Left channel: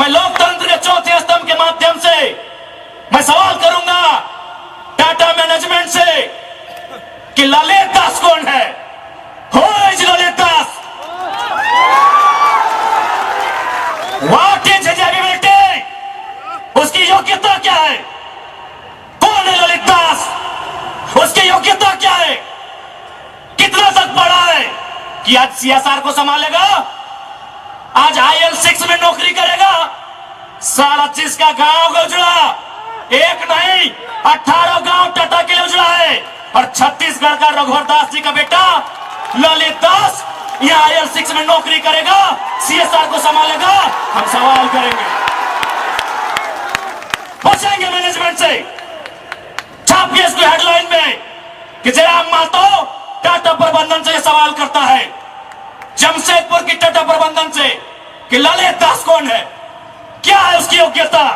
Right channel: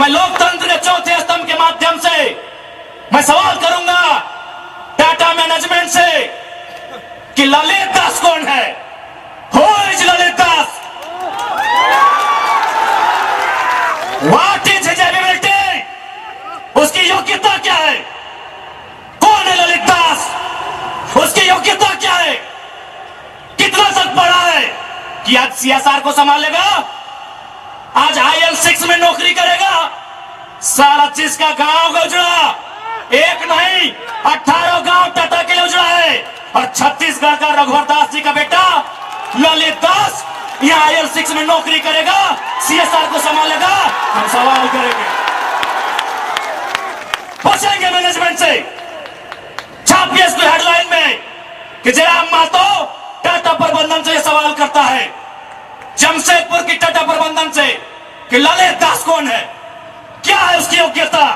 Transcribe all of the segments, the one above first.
मैं लोकतंत्र के चौथे स्तंभ के माध्यम से मैं सवाल करूंगा टाटा मैनेजमेंट से कि ललित दास कौन है? Who is Lalit Das? What is his ability? उसकी योग्यता क्या है? कौन है ललित दास? उसकी योग्यता क्या है? कितना तक पढ़ा है कि आज सीएसआर को संभालेगा? आज IL6 में नौकरी करेगा? सारा चीज का गांव का उजड़ा, एक नहीं 18 गांव टाटा के लिए उजड़ा है। और छत्तीसगढ़ का रघुवर दास जी का बेटा ललित दास यहाँ IL6 में नौकरी करेगा, CSR को संभालेगा। हम सवाल करेंगे, पूछेंगे मैनेजमेंट से, छापिए इसको हेडलाइन में कि जयराम महतो टाटा प्रबंधन से सवाल करता है, जमशेदपुर की टाटा प्रबंधन से, कि ललित दास कौन है, क्या है उसकी योग्यता?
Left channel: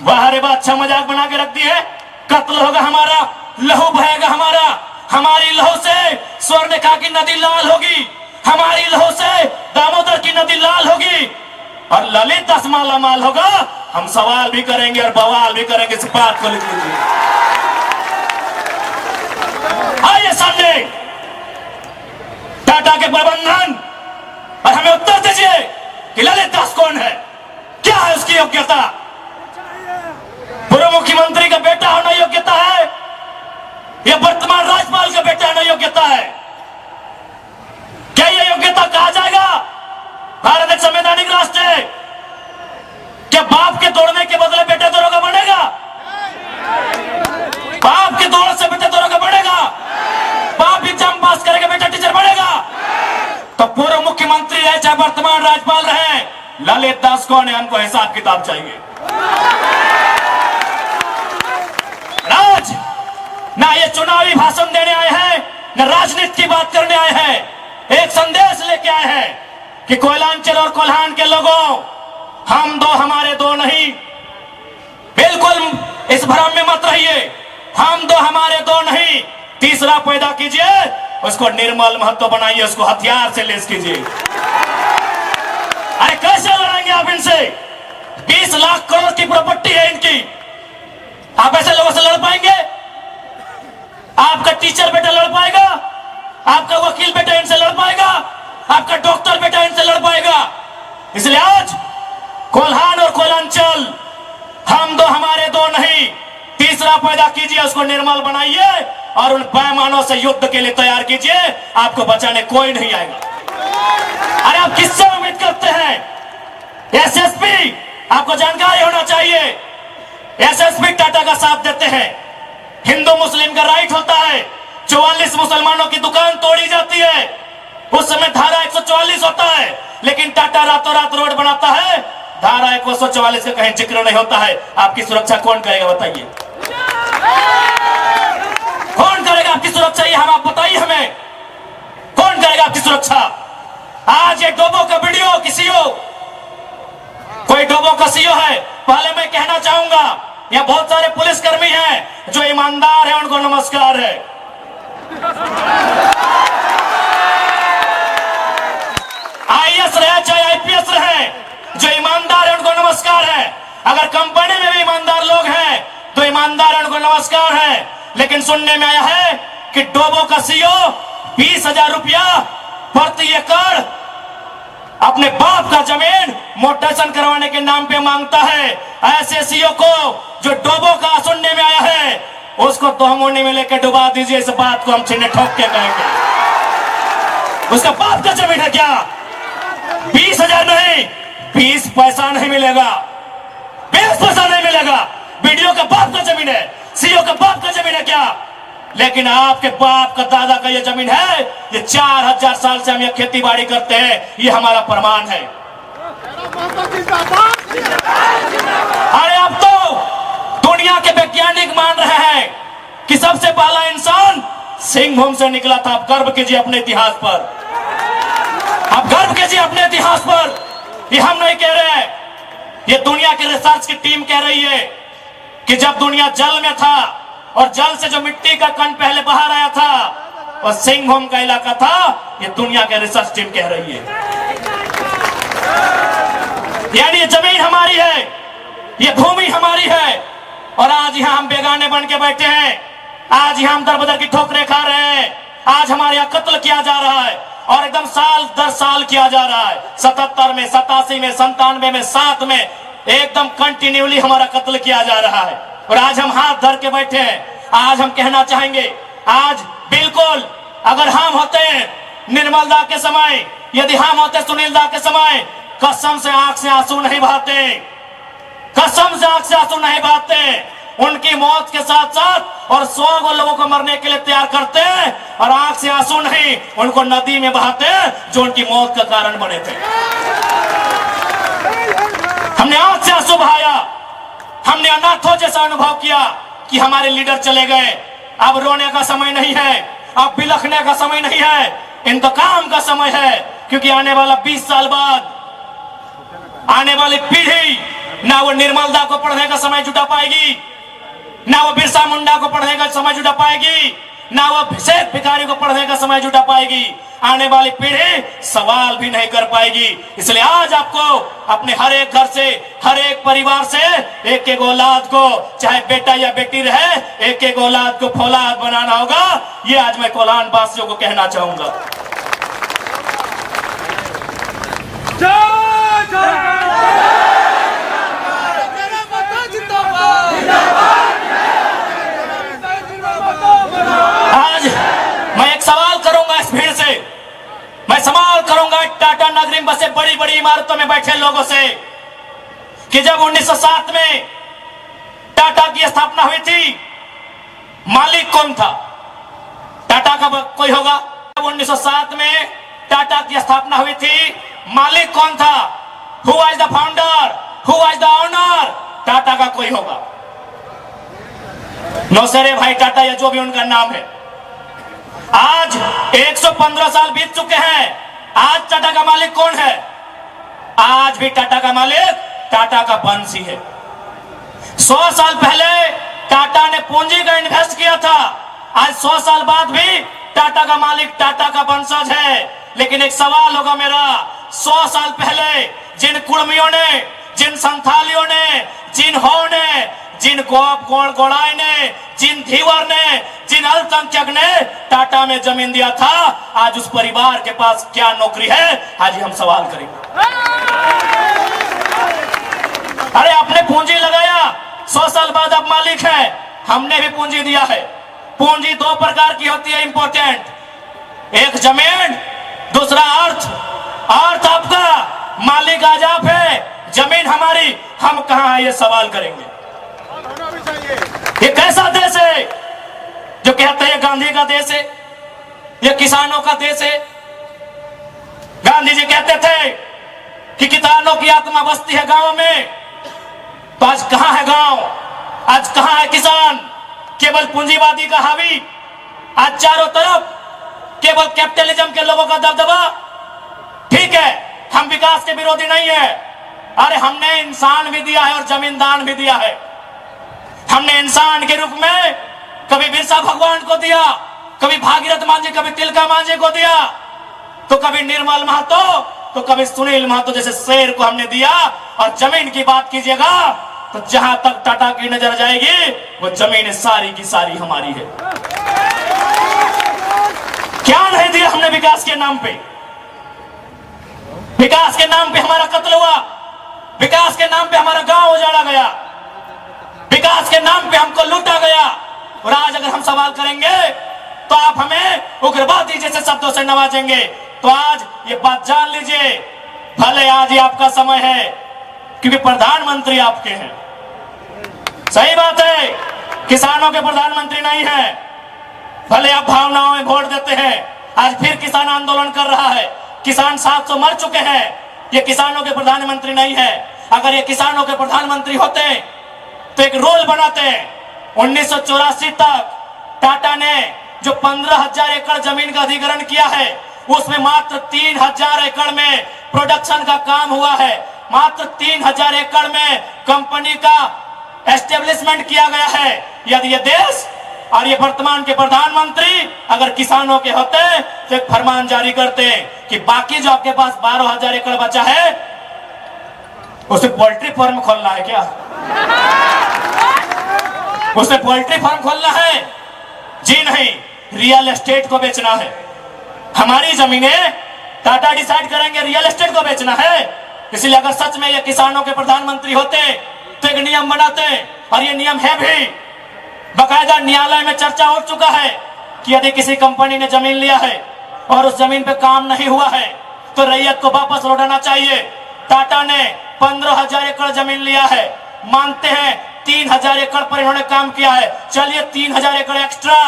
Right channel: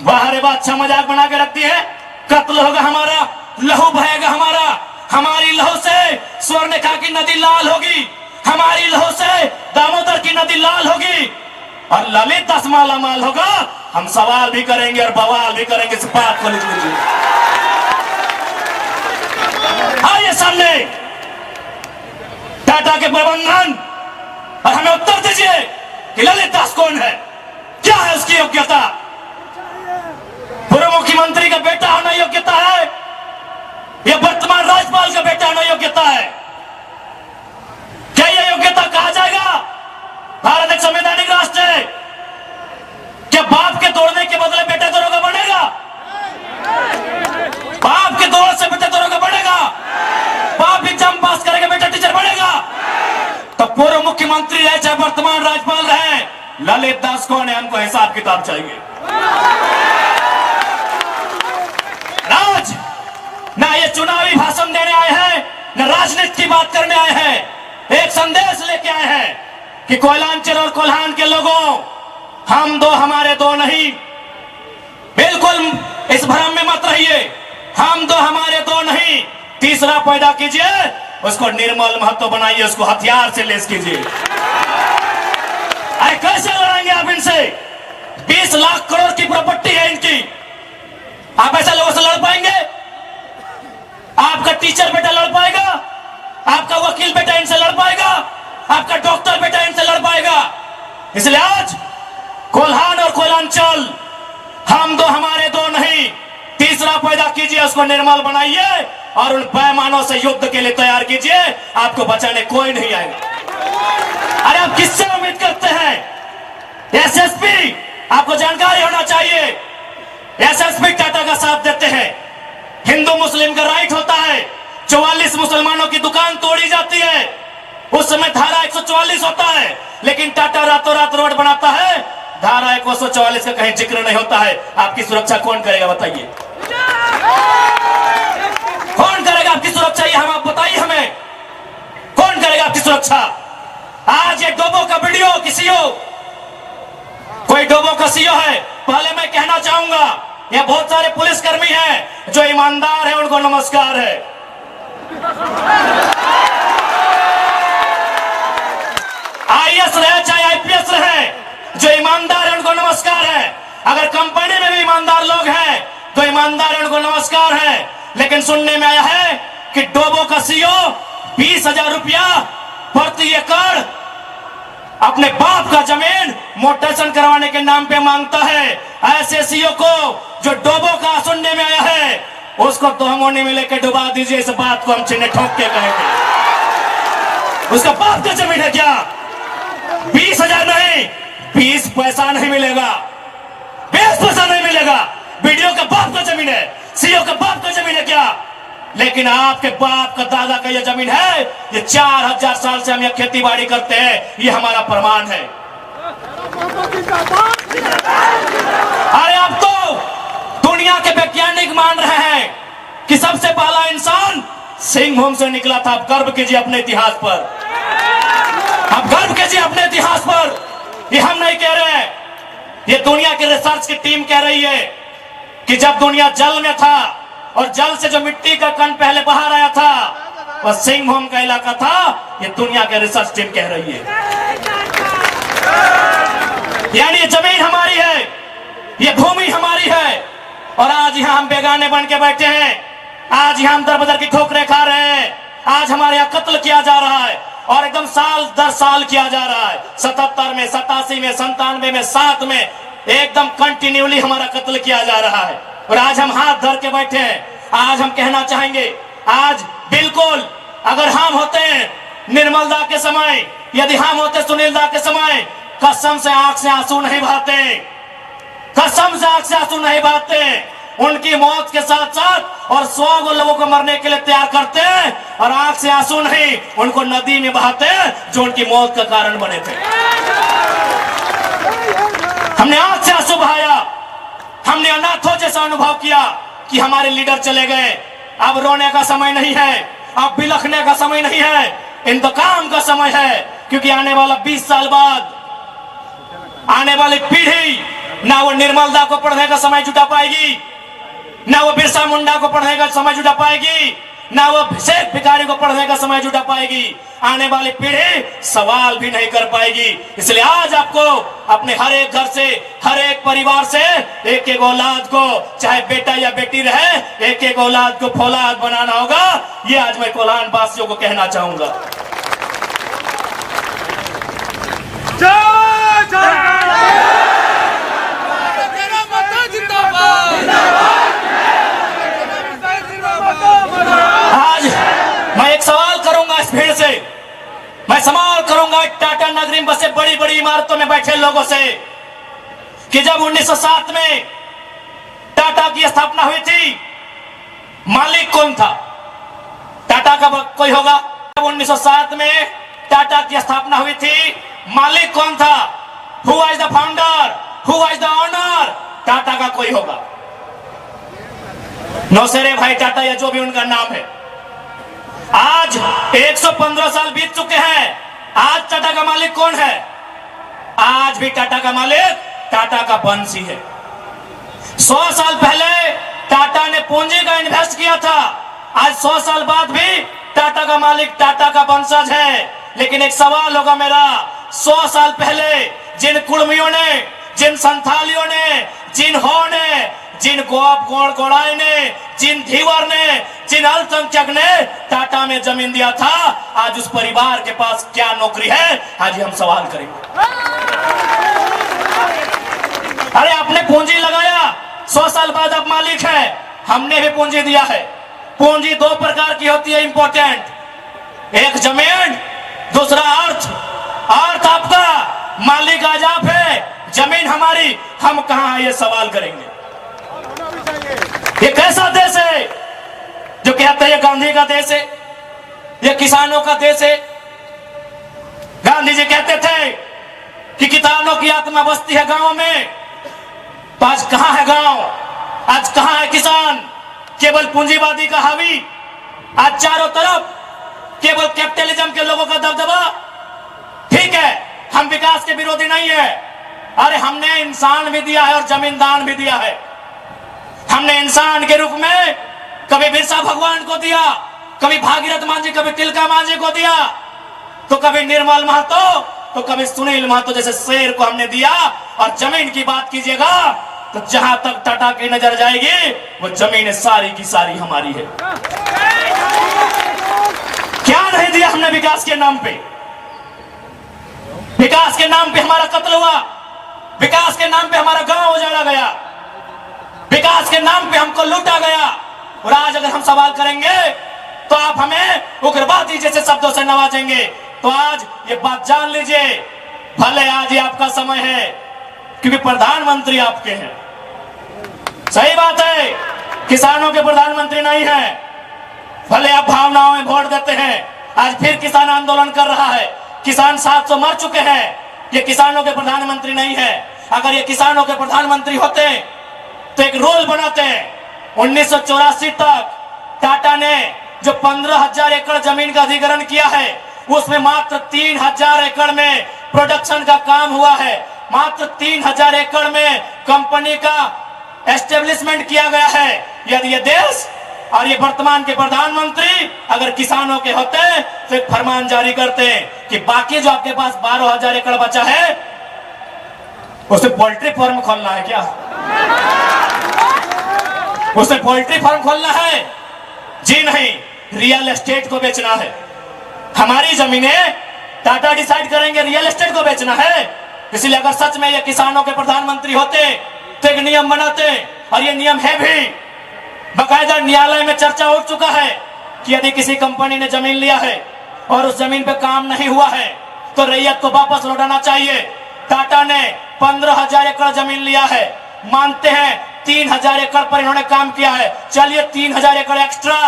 बाहर बात अच्छा मजाक बना के रख दी है। कत्ल होगा हमारा, लहू बहेगा हमारा, हमारी लहू से स्वर्णरेखा की नदी लाल होगी, हमारी लहू से दामोदर की नदी लाल होगी, और ललित दास माला माल होगा। हम सवाल भी करेंगे और बवाल भी करेंगे, इस बात को लिख लीजिए। आइए सामने टाटा के प्रबंधन और हमें उत्तर दीजिए कि ललित दास कौन है, क्या है उसकी योग्यता? पूर्व मुख्यमंत्री का बेटा होना योग्यता है या वर्तमान राज्यपाल का बेटा होना योग्यता है? क्या यह योग्यता कहा जाएगा? भारत एक संवैधानिक राष्ट्र है। क्या बाप के तोड़ने के बदले बेटा दरोगा बनेगा? बाप के तोड़ने से बेटा दरोगा बनेगा? बाप एग्जाम पास करेगा, बेटा टीचर बनेगा? तो पूर्व मुख्यमंत्री रहे चाहे वर्तमान राज्यपाल रहे, ललित दास कौन है? हमको हिसाब किताब चाहिए। राज ना ये चुनावी भाषण देने आए हैं, न राजनीति की बात करने आए हैं। एक संदेश लेके आए हैं कि कोयलांचल और कोल्हान के लोगों, हम दो हमारे दो नहीं। बिल्कुल इस भ्रम में मत रहिए, हम दो हमारे दो नहीं। तीसरा पैदा कीजिए, उसको निर्मल महतो बनाइए, उसको हथियार से लेस कीजिए। अरे कैसे लड़ेंगे आप इनसे? 20 लाख करोड़ की प्रॉपर्टी है इनकी, आप ऐसे लोगों से लड़ पाएंगे? आपका टीचर बेटा लड़ पाएगा? आपका वकील बेटा इनसे लड़ पाएगा? आपका डॉक्टर बेटा इनसे लड़ पाएगा? इसलिए आज कोल्हान और कोयलांचल, हम दो हमारे दो नहीं। तीसरा पैदा कीजिए, उसको निर्मल बनाइए और उन पैमानों से युद्ध के लिए तैयार कीजिए। आपको बचाने कोई नहीं आएगा। अरे आप किससे उम्मीद करते हैं? SSP, आपको जानकारी होना चाहिए, SSP टाटा का साथ देते हैं। हिंदू मुस्लिम का राइट होता है, 44 मुसलमानों की दुकान तोड़ी जाती है, उस समय धारा 144 होता है, लेकिन टाटा रातों रात रोड बनाता है, धारा 144 का कहीं जिक्र नहीं होता है। आपकी सुरक्षा कौन करेगा बताइए? कौन करेगा आपकी सुरक्षा? ये हम आप बताइए हमें, कौन करेगा आपकी सुरक्षा? आज ये डोबो का वीडियो किसी हो, कोई डोबो का सीओ है, पहले मैं कहना चाहूंगा यहाँ बहुत सारे पुलिसकर्मी हैं जो ईमानदार हैं, उनको नमस्कार है। IAS रहे चाहे IPS रहे, जो ईमानदार है उनको नमस्कार है। अगर कंपनी में भी ईमानदार लोग हैं तो ईमानदार है, उनको नमस्कार है। लेकिन सुनने में आया है कि डोबो का सीओ 20,000 रुपया प्रति एकड़ अपने बाप का जमीन मोटेशन करवाने के नाम पे मांगता है। ऐसे सीओ को जो डोबो का सुनने में आया है, उसको तोहमोने में लेकर डुबा दीजिए। इस बात को हम चिन्ह ठोक के कहेंगे। उसका बाप का जमीन है क्या? 20,000 नहीं, 20 पैसा नहीं मिलेगा, 20 पैसा नहीं मिलेगा। वीडियो का बाप का जमीन है, सीओ का बाप का जमीन है क्या? लेकिन आपके बाप का दादा का ये जमीन है। ये 4000 साल से हम ये खेती बाड़ी करते हैं, ये हमारा प्रमाण है। अरे अब तो दुनिया के वैज्ञानिक मान रहे हैं कि सबसे पहला इंसान सिंहभूम से निकला था। आप गर्व कीजिए अपने इतिहास पर, आप गर्व कीजिए अपने इतिहास पर। ये हम नहीं कह रहे हैं, ये दुनिया की रिसर्च की टीम कह रही है कि जब दुनिया जल में था और जल से जो मिट्टी का कण पहले बाहर आया था और सिंहभूम का इलाका था, ये दुनिया के रिसर्च टीम कह रही है। यानी ये जमीन हमारी है, ये भूमि हमारी है। और आज यहां हम बेगाने बन के बैठे हैं, आज यहां हम दर बदर की ठोकरें खा रहे हैं, आज हमारे यहां कत्ल किया जा रहा है और एकदम साल दर साल किया जा रहा है। 77 में, 87 में, 97 में, 7 में एकदम कंटिन्यूली हमारा कत्ल किया जा रहा है। और आज हम हाथ धर के बैठे हैं। आज हम कहना चाहेंगे, आज बिल्कुल अगर हम होते निर्मल दा के समय, यदि हम होते सुनील दा के समय, कसम से आंख से आंसू नहीं बहाते, कसम से आंख से आंसू नहीं बहाते। उनकी मौत के साथ साथ और 100 लोगों को मरने के लिए तैयार करते और आंख से आंसू नहीं उनको नदी में बहाते जो उनकी मौत का कारण बने थे। हमने आंख से आंसू बहाया, हमने अनाथों जैसा अनुभव किया कि हमारे लीडर चले गए। अब रोने का समय नहीं है, अब बिलखने का समय नहीं है, इंतकाम का समय है। क्योंकि आने वाला 20 साल बाद आने वाली पीढ़ी ना वो निर्मल दा को पढ़ने का समय जुटा पाएगी, ना वो बिरसा मुंडा को पढ़ने का समय जुटा पाएगी, ना वो शेख भिखारी को पढ़ने का समय जुटा पाएगी। आने वाली पीढ़ी सवाल भी नहीं कर पाएगी। इसलिए आज आपको अपने हर एक घर से, हर एक परिवार से एक एक औलाद को, चाहे बेटा या बेटी रहे, एक एक औलाद को फौलाद बनाना होगा। ये आज मैं कोल्हान वासियों को कहना चाहूंगा। आज मैं एक सवाल करूंगा इस भीड़ से, मैं सवाल करूंगा टाटा नगरी में बसे बड़ी बड़ी इमारतों में बैठे लोगों से कि जब 1907 में टाटा की स्थापना हुई थी, मालिक कौन था? टाटा का कोई होगा? जब 1907 में टाटा की स्थापना हुई थी, मालिक कौन था? Who was the founder? Who was the owner? Tata का कोई होगा? नौसेरे भाई टाटा या जो भी उनका नाम है। आज 115 साल बीत चुके हैं, आज टाटा का मालिक कौन है? आज भी टाटा का मालिक टाटा का वंशी है। 100 साल पहले टाटा ने पूंजी का इन्वेस्ट किया था, आज 100 साल बाद भी टाटा का मालिक टाटा का वंशज है। लेकिन एक सवाल होगा मेरा, 100 साल पहले जिन कुर्मियों ने, जिन संथालियों ने, जिन हो ने, जिन गोड़ाई ने, जिन धीवर ने, जिन अल्पसंख्यक ने टाटा में जमीन दिया था, आज उस परिवार के पास क्या नौकरी है? आज हम सवाल करेंगे। अरे आपने पूंजी लगाया, 100 साल बाद आप मालिक है, हमने भी पूंजी दिया है। पूंजी 2 प्रकार की होती है इंपॉर्टेंट, एक जमीन, दूसरा अर्थ। अर्थ आपका, मालिक आज आप है, जमीन हमारी, हम कहां है ये सवाल करेंगे। ये कैसा देश है जो कहते हैं ये गांधी का देश है, ये किसानों का देश है? गांधी जी कहते थे कि किसानों की आत्मा बसती है गांव में, तो आज कहां है गांव? आज कहां है किसान? केवल पूंजीवादी का हावी, आज चारों तरफ केवल कैपिटलिज्म के लोगों का दबदबा। ठीक है, हम विकास के विरोधी नहीं है, अरे हमने इंसान भी दिया है और जमीन दान भी दिया है। हमने इंसान के रूप में कभी बिरसा भगवान को दिया, कभी भागीरथ मांझी, कभी तिलका मांझी को दिया, तो कभी निर्मल महतो, तो कभी सुनील महतो जैसे शेर को हमने दिया। और जमीन की बात कीजिएगा तो जहां तक टाटा की नजर जाएगी वो जमीन सारी की सारी हमारी है। क्या नहीं दिया हमने विकास के नाम पे? विकास के नाम पे हमारा कत्ल हुआ, विकास के नाम पे हमारा गांव उजाड़ा गया, विकास के नाम पे हमको लूटा गया। और आज अगर हम सवाल करेंगे तो आप हमें उग्रवादी जैसे शब्दों से नवाजेंगे। तो आज ये बात जान लीजिए, भले आज ही आपका समय है क्योंकि प्रधानमंत्री आपके हैं, सही बात है, किसानों के प्रधानमंत्री नहीं है। भले आप भावनाओं में वोट देते हैं, आज फिर किसान आंदोलन कर रहा है, किसान 700 मर चुके हैं, ये किसानों के प्रधानमंत्री नहीं है। अगर ये किसानों के प्रधानमंत्री होते तो एक रूल बनाते हैं। 1984 तक टाटा ने जो 15,000 एकड़ जमीन का अधिग्रहण किया है, उसमें मात्र 3,000 एकड़ में प्रोडक्शन का काम हुआ है, मात्र 3,000 एकड़ में कंपनी का एस्टेब्लिशमेंट किया गया है। यदि ये देश और ये वर्तमान के प्रधानमंत्री अगर किसानों के होते तो एक फरमान जारी करते कि बाकी जो आपके पास 12,000 एकड़ बचा है उसे पोल्ट्री फार्म खोलना है क्या? उसे पोल्ट्री फार्म खोलना है? जी नहीं, रियल एस्टेट को बेचना है। हमारी जमीनें टाटा डिसाइड करेंगे रियल एस्टेट को बेचना है। इसलिए अगर सच में ये किसानों के प्रधानमंत्री होते तो एक नियम बनाते, और ये नियम है भी, बकायदा न्यायालय में चर्चा हो चुका है कि यदि किसी कंपनी ने जमीन लिया है और उस जमीन पे काम नहीं हुआ है तो रैयत को वापस लौटाना चाहिए। टाटा ने 15,000 एकड़ जमीन लिया है, मानते हैं 3,000 एकड़ पर इन्होंने काम किया है, चलिए 3,000 एकड़ एक्स्ट्रा,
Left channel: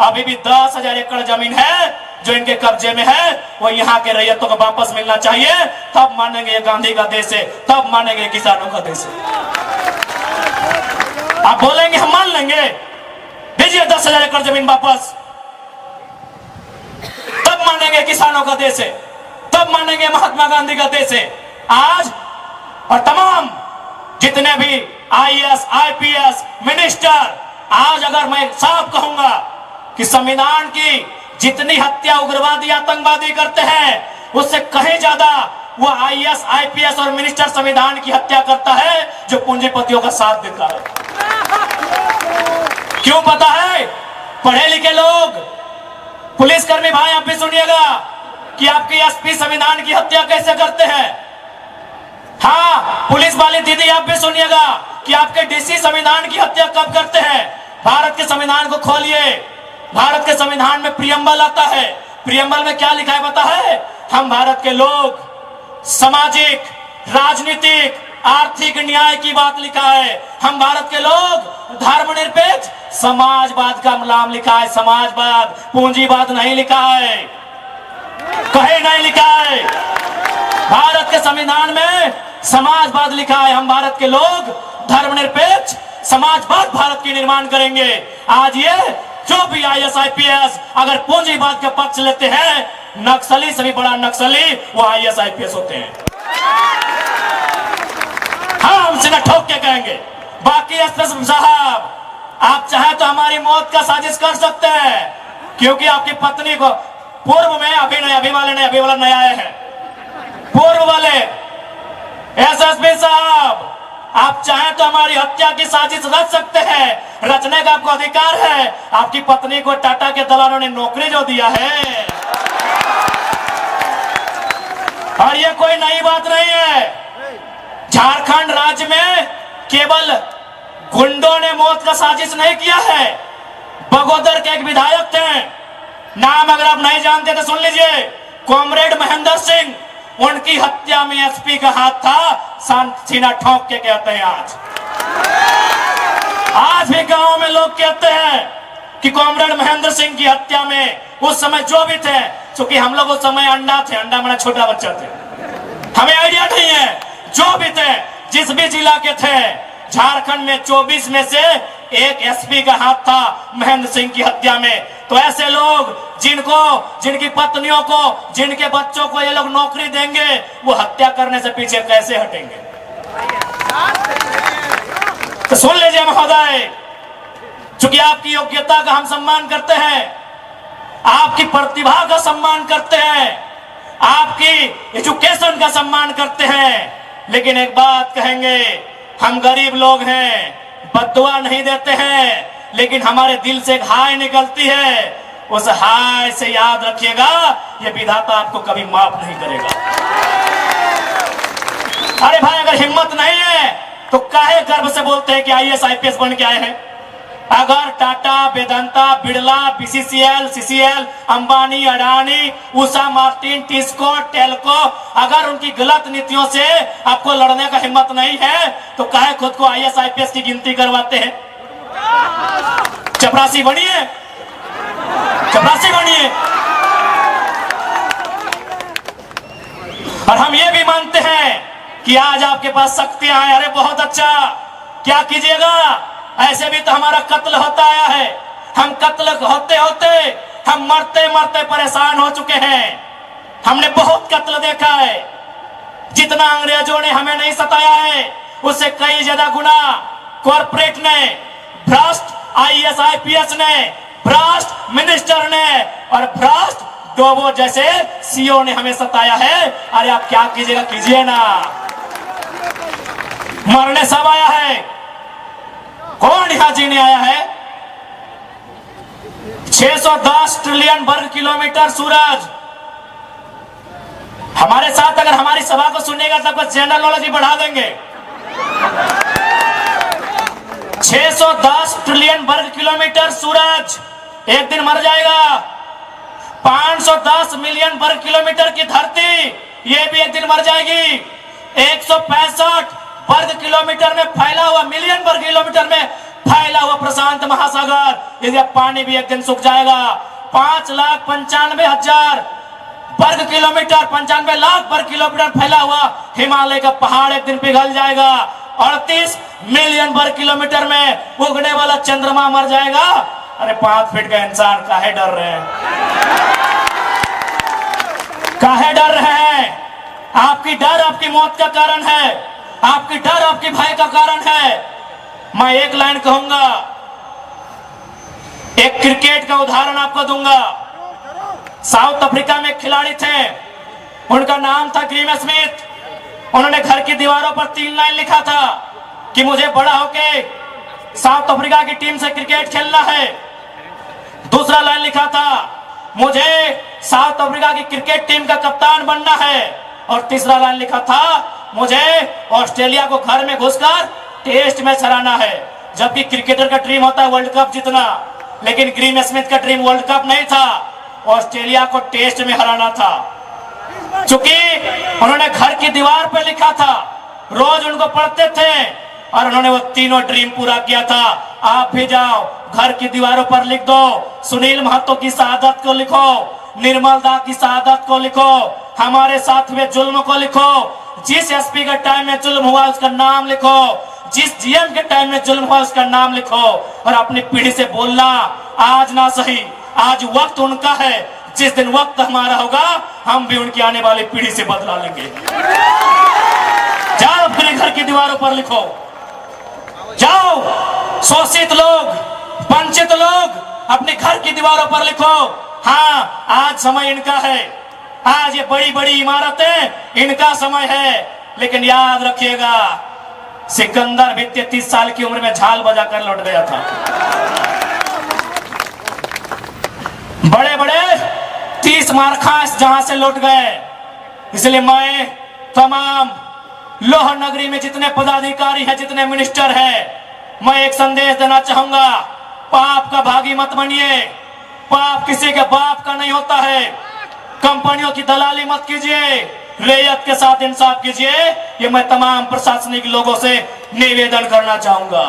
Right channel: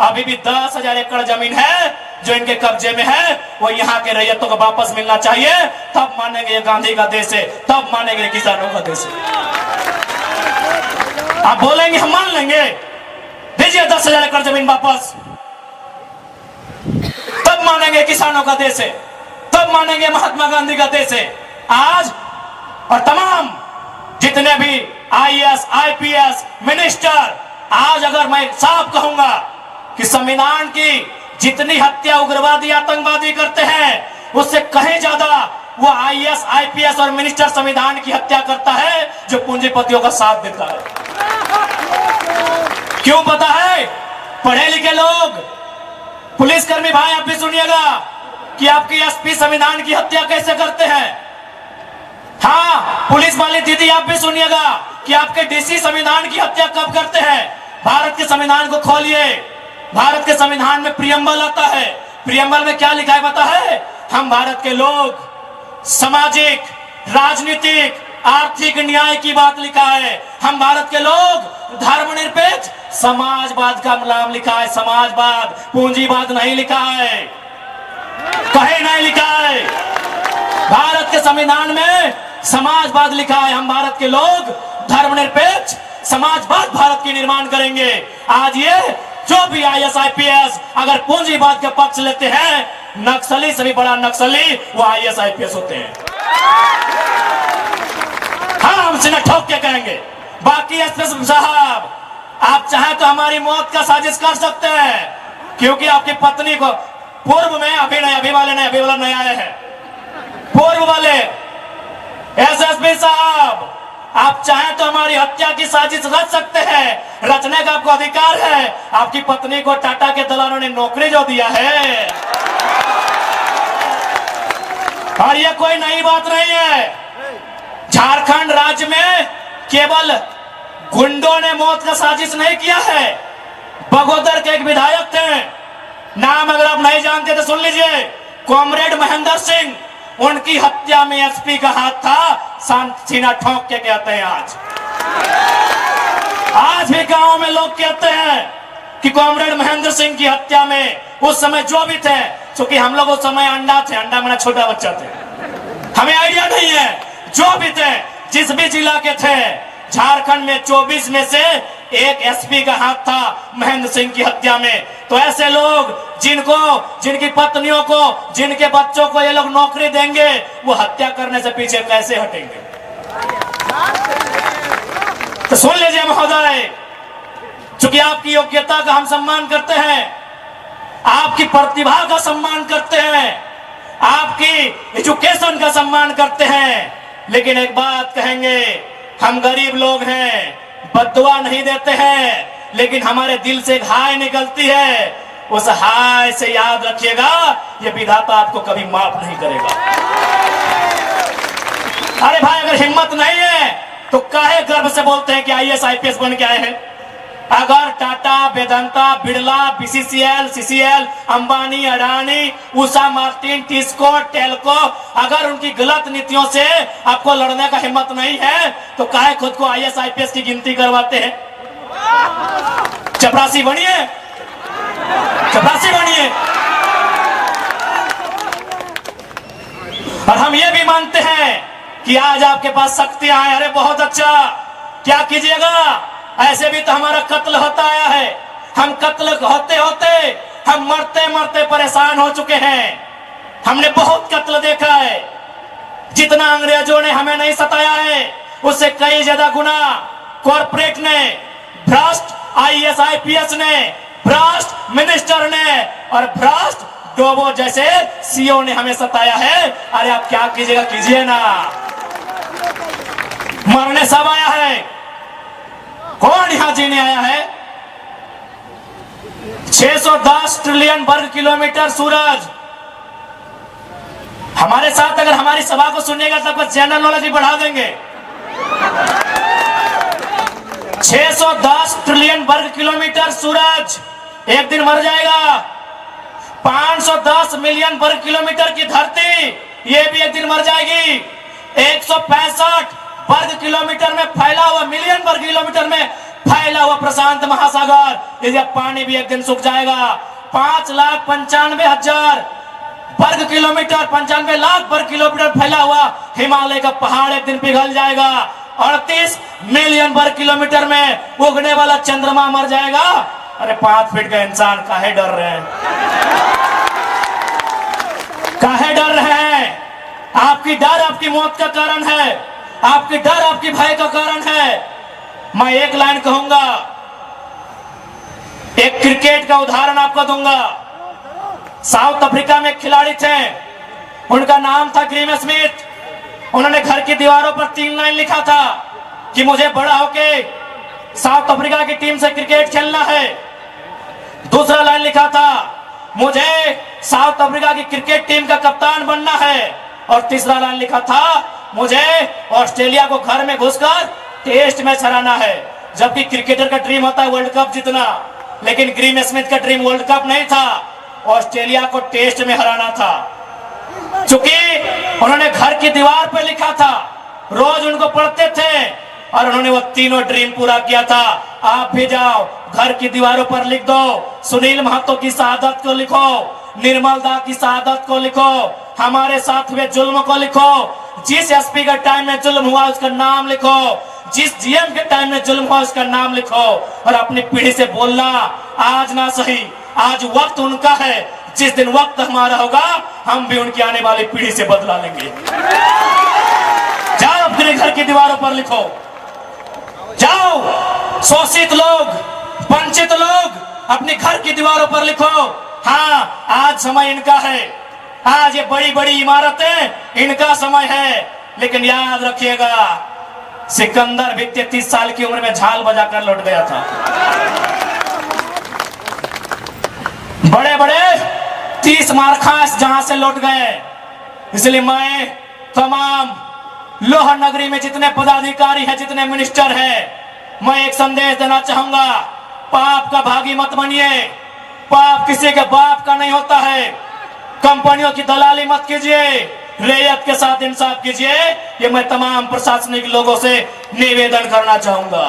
अभी भी 10,000 एकड़ जमीन है जो इनके कब्जे में है, वो यहाँ के रैयतों को वापस मिलना चाहिए। तब मानेंगे ये गांधी का देश है, तब मानेंगे किसानों का देश है। आप बोलेंगे हम मान लेंगे, दीजिए 10,000 एकड़ जमीन वापस, तब मानेंगे किसानों का देश है, तब मानेंगे महात्मा गांधी का देश है। आज और तमाम जितने भी IAS, IPS मिनिस्टर, आज अगर मैं साफ कहूंगा कि संविधान की जितनी हत्या उग्रवादी आतंकवादी करते हैं उससे कहीं ज्यादा वो IAS, IPS और मिनिस्टर संविधान की हत्या करता है जो पूंजीपतियों का साथ देता है। क्यों पता है? पढ़े लिखे लोग, पुलिसकर्मी भाई आप भी सुनिएगा कि आपकी SP संविधान की हत्या कैसे करते हैं। हाँ, पुलिस वाली दीदी आप भी सुनिएगा कि आपके DC संविधान की हत्या कब करते हैं। भारत के संविधान को खोलिए, भारत के संविधान में प्रियम्बल आता है। प्रियम्बल में क्या लिखा है पता है? हम भारत के लोग सामाजिक, राजनीतिक, आर्थिक न्याय की बात लिखा है। हम भारत के लोग धर्मनिरपेक्ष समाजवाद का नाम लिखा है, समाजवाद, पूंजीवाद नहीं लिखा है, कहे नहीं लिखा है। भारत के संविधान में समाजवाद लिखा है। हम भारत के लोग धर्मनिरपेक्ष समाजवाद भारत की निर्माण करेंगे। आज ये जो भी IAS, IPS अगर पूंजीवाद का पक्ष लेते हैं, नक्सली से भी बड़ा नक्सली वो IAS, IPS होते हैं। हाँ, हम सीधा ठोक के कहेंगे। बाकी SP साहब, आप चाहे तो हमारी मौत का साजिश कर सकते हैं, क्योंकि आपकी पत्नी को पूर्व में, अभी नहीं, अभी वाले नहीं, अभी वाला नया आया है, पूर्व वाले SSP साहब, आप चाहे तो हमारी हत्या की साजिश रच सकते हैं, रचने का आपको अधिकार है। आपकी पत्नी को टाटा के दलालों ने नौकरी जो दिया है, और ये कोई नई बात नहीं है। झारखंड राज्य में केवल गुंडों ने मौत का साजिश नहीं किया है। बगोदर के एक विधायक थे, नाम अगर आप नहीं जानते तो सुन लीजिए, कॉमरेड महेंद्र सिंह, उनकी हत्या में SP का हाथ था। सीना ठोक के कहते हैं आज भी गांव में लोग कहते हैं कि कॉमरेड महेंद्र सिंह की हत्या में उस समय जो भी थे, क्योंकि हम लोग उस समय अंडा थे, अंडा मेरा छोटा बच्चा थे, हमें आइडिया नहीं है, जो भी थे, जिस भी जिला के थे, झारखंड में 24 में से एक SP का हाथ था महेंद्र सिंह की हत्या में। तो ऐसे लोग जिनकी पत्नियों को, जिनके बच्चों को ये लोग नौकरी देंगे, वो हत्या करने से पीछे कैसे हटेंगे? तो सुन लीजिए महोदय, चूंकि आपकी योग्यता का हम सम्मान करते हैं, आपकी प्रतिभा का सम्मान करते हैं, आपकी एजुकेशन का सम्मान करते हैं, लेकिन एक बात कहेंगे, हम गरीब लोग हैं, बद्दुआ नहीं देते हैं, लेकिन हमारे दिल से एक हाय निकलती है। उस हाय से याद रखिएगा, ये विधाता आपको कभी माफ नहीं करेगा। अरे भाई, अगर हिम्मत नहीं है तो काहे गर्व से बोलते हैं कि IAS, IPS बन के आए हैं? अगर Tata, Vedanta, Birla, BCCL, CCL, Ambani, Adani, Usha Martin, TISCO, Telco, अगर उनकी गलत नीतियों से आपको लड़ने का हिम्मत नहीं है तो काहे खुद को IAS, IPS की गिनती करवाते हैं? चपरासी बनिए, चपरासी बनिए। और हम ये भी मानते हैं कि आज आपके पास शक्तियां हैं। अरे बहुत अच्छा, क्या कीजिएगा? ऐसे भी तो हमारा कत्ल होता आया है। हम कत्ल होते होते हम मरते मरते परेशान हो चुके हैं। हमने बहुत कत्ल देखा है। जितना अंग्रेजों ने हमें नहीं सताया है, उससे कई ज्यादा गुना कॉर्पोरेट ने, भ्रष्ट IAS, IPS ने, भ्रष्ट मिनिस्टर ने और भ्रष्ट डोबो जैसे CEO ने हमें सताया है। अरे आप क्या कीजिएगा, कीजिए ना। मरने सब आया है, कौन यहां जीने आया है? 610 ट्रिलियन वर्ग किलोमीटर सूरज। हमारे साथ अगर हमारी सभा को सुनेगा तो आपका जनरल नॉलेज भी बढ़ा देंगे। 610 ट्रिलियन वर्ग किलोमीटर सूरज एक दिन मर जाएगा। 510 मिलियन वर्ग किलोमीटर की धरती ये भी एक दिन मर जाएगी। 165 वर्ग किलोमीटर में फैला हुआ, मिलियन वर्ग किलोमीटर में फैला हुआ प्रशांत महासागर, यदि पानी भी एक दिन सूख जाएगा। 5,95,000 वर्ग किलोमीटर, 95 लाख वर्ग किलोमीटर फैला हुआ हिमालय का पहाड़ एक दिन पिघल जाएगा। 38 मिलियन वर्ग किलोमीटर में उगने वाला चंद्रमा मर जाएगा। अरे 5 फीट का इंसान काहे डर रहे हैं? काहे डर रहे हैं? आपकी डर आपकी मौत का कारण है, आपकी डर आपकी भय का कारण है। मैं एक लाइन कहूंगा, एक क्रिकेट का उदाहरण आपको दूंगा। साउथ अफ्रीका में एक खिलाड़ी थे, उनका नाम था ग्रीम स्मिथ। उन्होंने घर की दीवारों पर 3 लाइन लिखा था कि मुझे बड़ा होके साउथ अफ्रीका की टीम से क्रिकेट खेलना है। दूसरा लाइन लिखा था मुझे साउथ अफ्रीका की क्रिकेट टीम का कप्तान बनना है। और तीसरा लाइन लिखा था मुझे ऑस्ट्रेलिया को घर में घुसकर टेस्ट मैच हराना है। जबकि क्रिकेटर का ड्रीम होता है वर्ल्ड कप जीतना, लेकिन ग्रीम स्मिथ का ड्रीम वर्ल्ड कप नहीं था, ऑस्ट्रेलिया को टेस्ट में हराना था। चूंकि उन्होंने घर की दीवार पर लिखा था, रोज उनको पढ़ते थे और उन्होंने वो तीनों ड्रीम पूरा किया था। आप भी जाओ, घर की दीवारों पर लिख दो, सुनील महतो की शहादत को लिखो, निर्मल दा की शहादत को लिखो, हमारे साथ हुए जुल्म को लिखो, जिस एसपी के टाइम में जुल्म हुआ उसका नाम लिखो, जिस जीएम के टाइम में जुल्म हुआ उसका नाम लिखो। और अपनी पीढ़ी से बोलना, आज ना सही, आज वक्त उनका है, जिस दिन वक्त हमारा होगा हम भी उनकी आने वाली पीढ़ी से बदला लेंगे। जाओ अपने घर की दीवारों पर लिखो, जाओ शोषित लोग, वंचित लोग अपने घर की दीवारों पर लिखो। हाँ, आज समय इनका है, आज ये बड़ी बड़ी इमारतें इनका समय है। लेकिन याद रखिएगा, सिकंदर भी 33 साल की उम्र में झाल बजाकर लौट गया था। बड़े बड़े 30 मारखास जहां से लौट गए। इसलिए मैं तमाम लोह नगरी में जितने पदाधिकारी हैं, जितने मिनिस्टर हैं, मैं एक संदेश देना चाहूंगा, पाप का भागी मत बनिए। पाप किसी के बाप का नहीं होता है। कंपनियों की दलाली मत कीजिए, रैयत के साथ इंसाफ कीजिए। ये मैं तमाम प्रशासनिक लोगों से निवेदन करना चाहूंगा।